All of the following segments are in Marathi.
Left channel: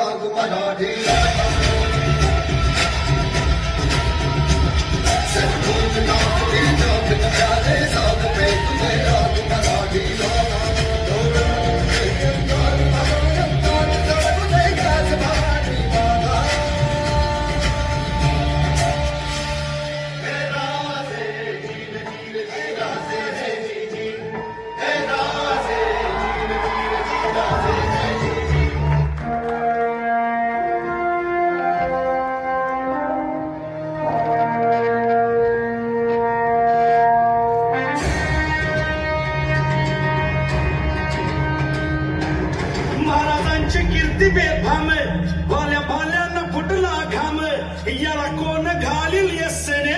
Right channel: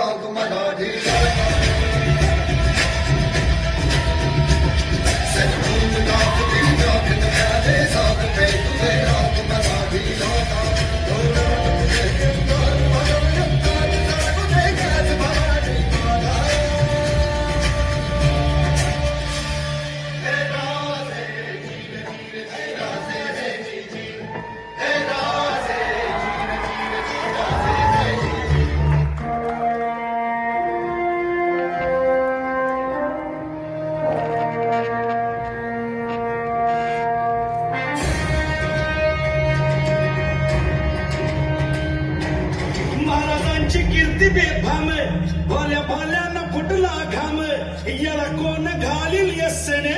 राग मराठी सचमुच नाक दिल नाक न प्यारे साथ पे तुझे राग मराठी कीर्ती बेफाम भाल्या भाल्यानं फुटला घाम याला कोण घालील यस्सेने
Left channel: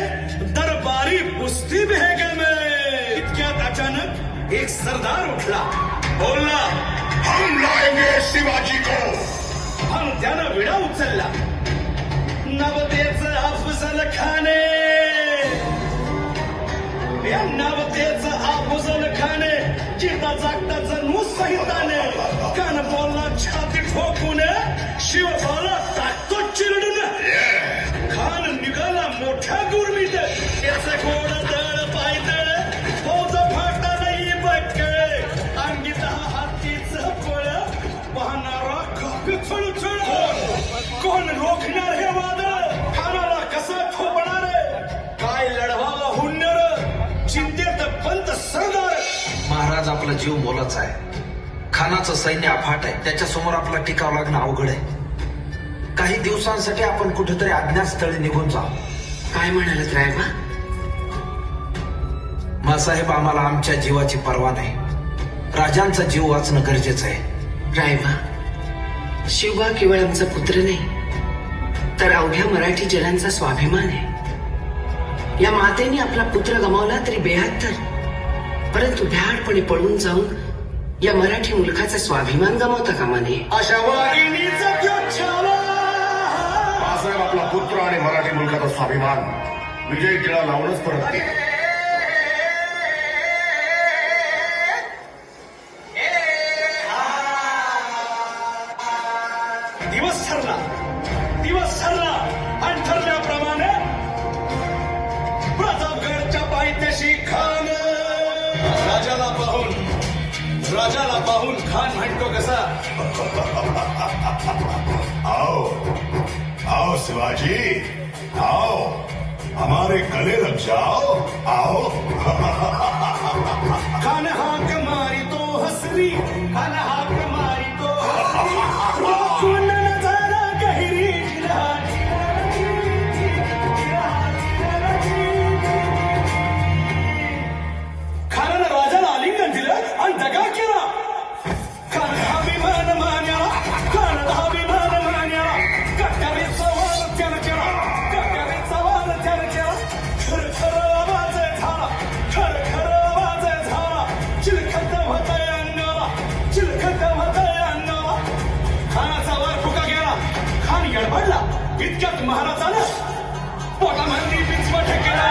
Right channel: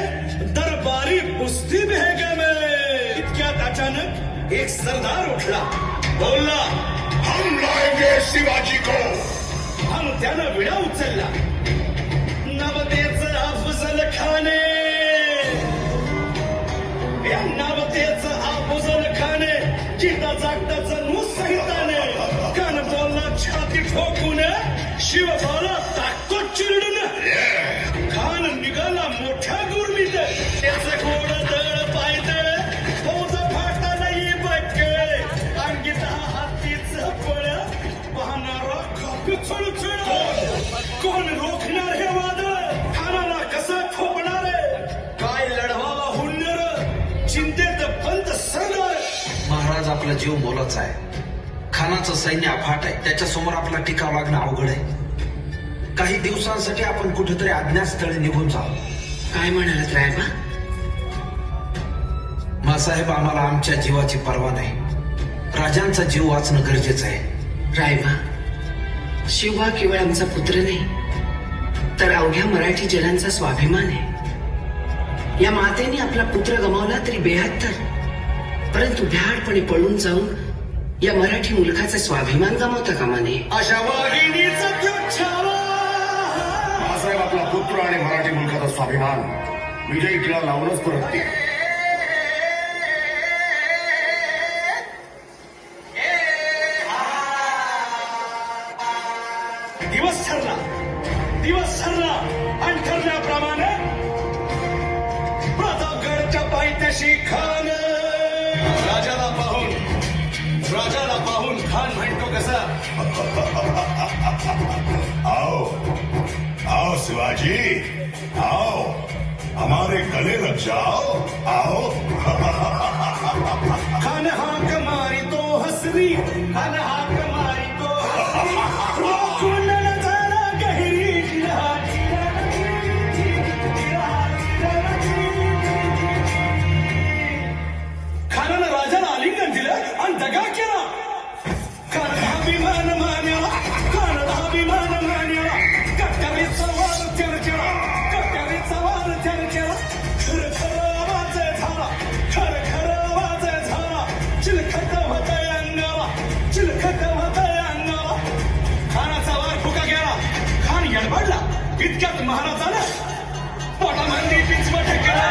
दरबारी कुस्ती बेगम इतक्यात अचानक एक सरदार उठला बोलला हम लाएंगे शिवाजी को मग त्यानं विडा उचलला नवतेच अफजल खाने या नवतेच अफजल खाने गीता जागताचा नुस सहिताने कान बोलला छाती ठोकून शिव बोला टाकतो चिरडून खान निघाला मोठ्या गुरमीत त्याचे गोड दळ पायदळ फौज फाटा नाही बक्कळ अंगीत हातीच फळ वाहणारा कपी चुळचुळ कोण रोखणार हे वादळ खानाला कसा ठोपणार काय लढवावा हुन्नर चिंतेत पंत सरदार महाराज आपला जीव मोलाचा आहे खानाचं सैन्य अफाट आहे त्याच्यासमोर आपला टिकाव लागणं अवघड आहे काही दिवसांसाठी आपण कुठेतरी अज्ञातस्थळी निघून जाऊ काय म्हणालात रायबा मासाहेब आम्हाला आमच्या जीवाची पर्वा नाही राजांचा जीव वाचणं गरजेचं आहे रायबा शिवबा केवळ आमचा पुत्र नाही तर अवघ्या मराठी जनांचा स्वाभिमान आहे या मातेने आपला पुत्र गमावला तरी 72 परंतु भ्याडपणे पळून जाऊन या मराठी मुलखाचा स्वाभिमान गमावता कामा नये अशा वाघिणीचा त्यो छावा मासाहेब आपला पुत्र आणि मराठी मुलखाचा स्वाभिमान विजय टिळा लावूनच परत येईल. दिवस ठरला आणि ठरल्याप्रमाणे प्रतापगडच्या पायथ्याशी खान राजाला पाहून खान म्हणतो कसा आओ आओ शिवाजी आओ हमारे गले लग जाओ आओ खान हाक मारी तो हसरी खान हाक मारी तो कुंडल झाला गहिरी खानानं राजाला आलिंगन दिलं आणि दगा केला खान अभिमान मान्या कट्यावी सवाल त्यानं केला खर आवाज झाला चिलखत होतय अंगाला खानाचा वार फुका गेला खान येडबडला इतक्यात महाराजानं पोटामध्ये पिचवट केला